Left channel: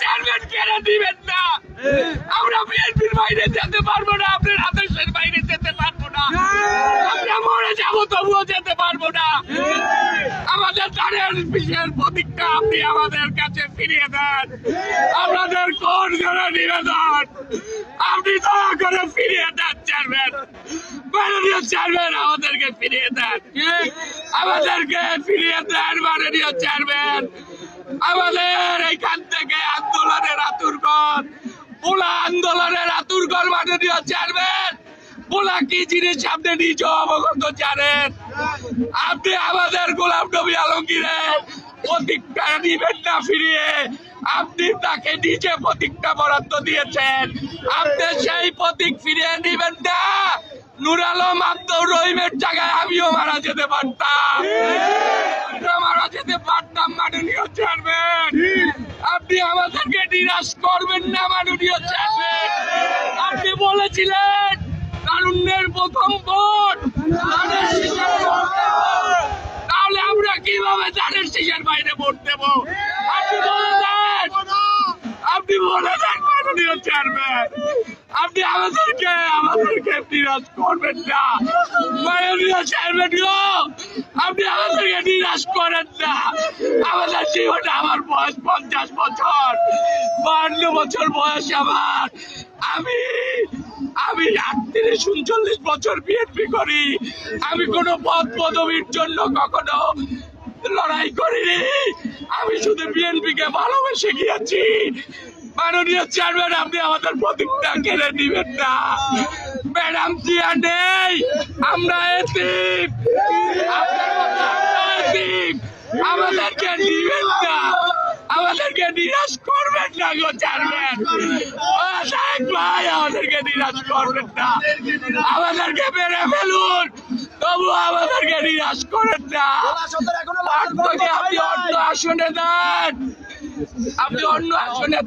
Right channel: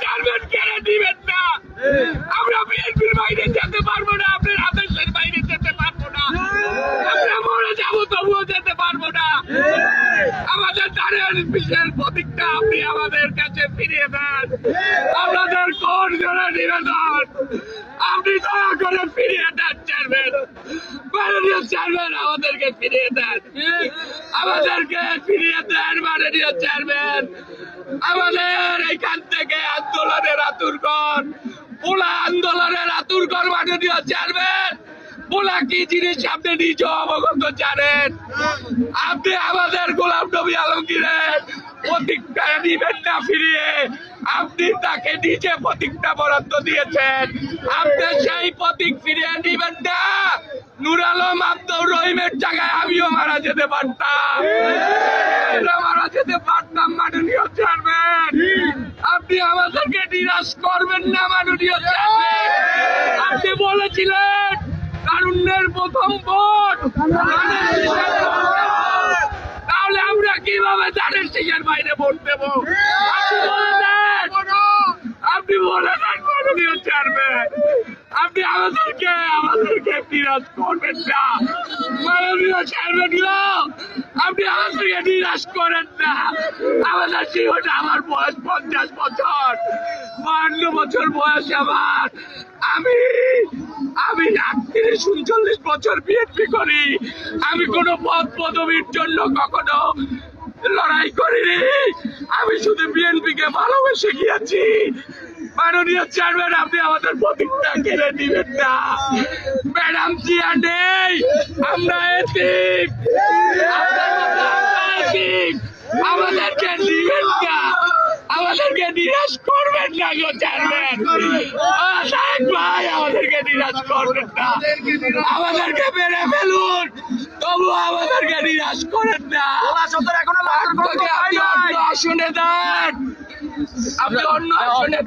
Chairman কেড়ে দিবেন না। আমরা বিএনপির বাইরে যেতে পারবো না, আপনার আদেশের বাইরে যেতে পারবো না, আমরা মরে যাবো তবুও যেতে পারবো না। আমাদের ধানের বিশেষ প্রতীকটা আপনি আমাদের কাছে ফিরিয়ে দেন। আমাদের কোন জোরে নিবেদন, আপনি দয়া করে ফিরিয়ে দেন চেয়ারম্যান, মাননীয় চেয়ারম্যান, আমাদেরকে ফিরিয়ে দেন, আমাদেরকে ফিরিয়ে দেন মাননীয় চেয়ারম্যান। আমাদের এইখান থেকে আন্দোলনের আতুরঘর, পোলা আন্দোলনের আতুরঘর মাননীয় চেয়ারম্যান। পোলা কি জিনিস আপনি নিজে অবগত জানেন। আপনি আমাদের গোলাম নবী আলমগীরের প্রতীকটা দিবেন না ফিরিয়ে, আপনি তাকে নিজে প্রতীকটা বরাদ্দ দিয়েছেন, আপনি সেই প্রতীক ফিরিয়ে দিবেন না। নূর আলম আব্দুর রহিমের জায়গায় আমিও মারা যেতে পারতাম, মারা যেতে পারতাম মাননীয় চেয়ারম্যান। আপনি আমাদেরকে নিরাশ করবেন না মাননীয় চেয়ারম্যান। আপনি বলেছিলেন তারুণ্যের প্রথম ভোট ধানের শীষের ভোট দেব। তাহলে আমরা কিভাবে ধানের শীষের বাইরে ভোট দেব? আপনি বলে দেন, আপনি বলে দেন মাননীয় চেয়ারম্যান। আপনি আমাদেরকে নিরাশ করবেন না মাননীয় চেয়ারম্যান গো, আপনি আমাদেরকে নিরাশ করেন না। আমাদের জীবনে, আমার বয়স 50 বছর, 52 বছর বয়স আমার। আমি 38-39 বছর বিএনপি করি। আমি কোনো পদ পদবীর জন্য কখনো লড়াই করিনি, আমি শুধু বিএনপিকে ভালোবেসে গিয়েছি। মাননীয় চেয়ারম্যান, আপনি আমাদের প্রতীকটা কেড়ে নিবেন না। ম্যাডাম জিয়া নেই, আমরা এতিম, আমাদেরকে নিবেন না, আমাদেরকে নিরাশ করবেন না গো চেয়ারম্যান। ভাই, আমাদেরকে নিরাশ করবেন না, আমাদেরকে মেরে ফেলুন, তবু আমাদেরকে নিরাশ করেন না। আপনি অন্য আসনে দেন, আপনি অন্য আসনে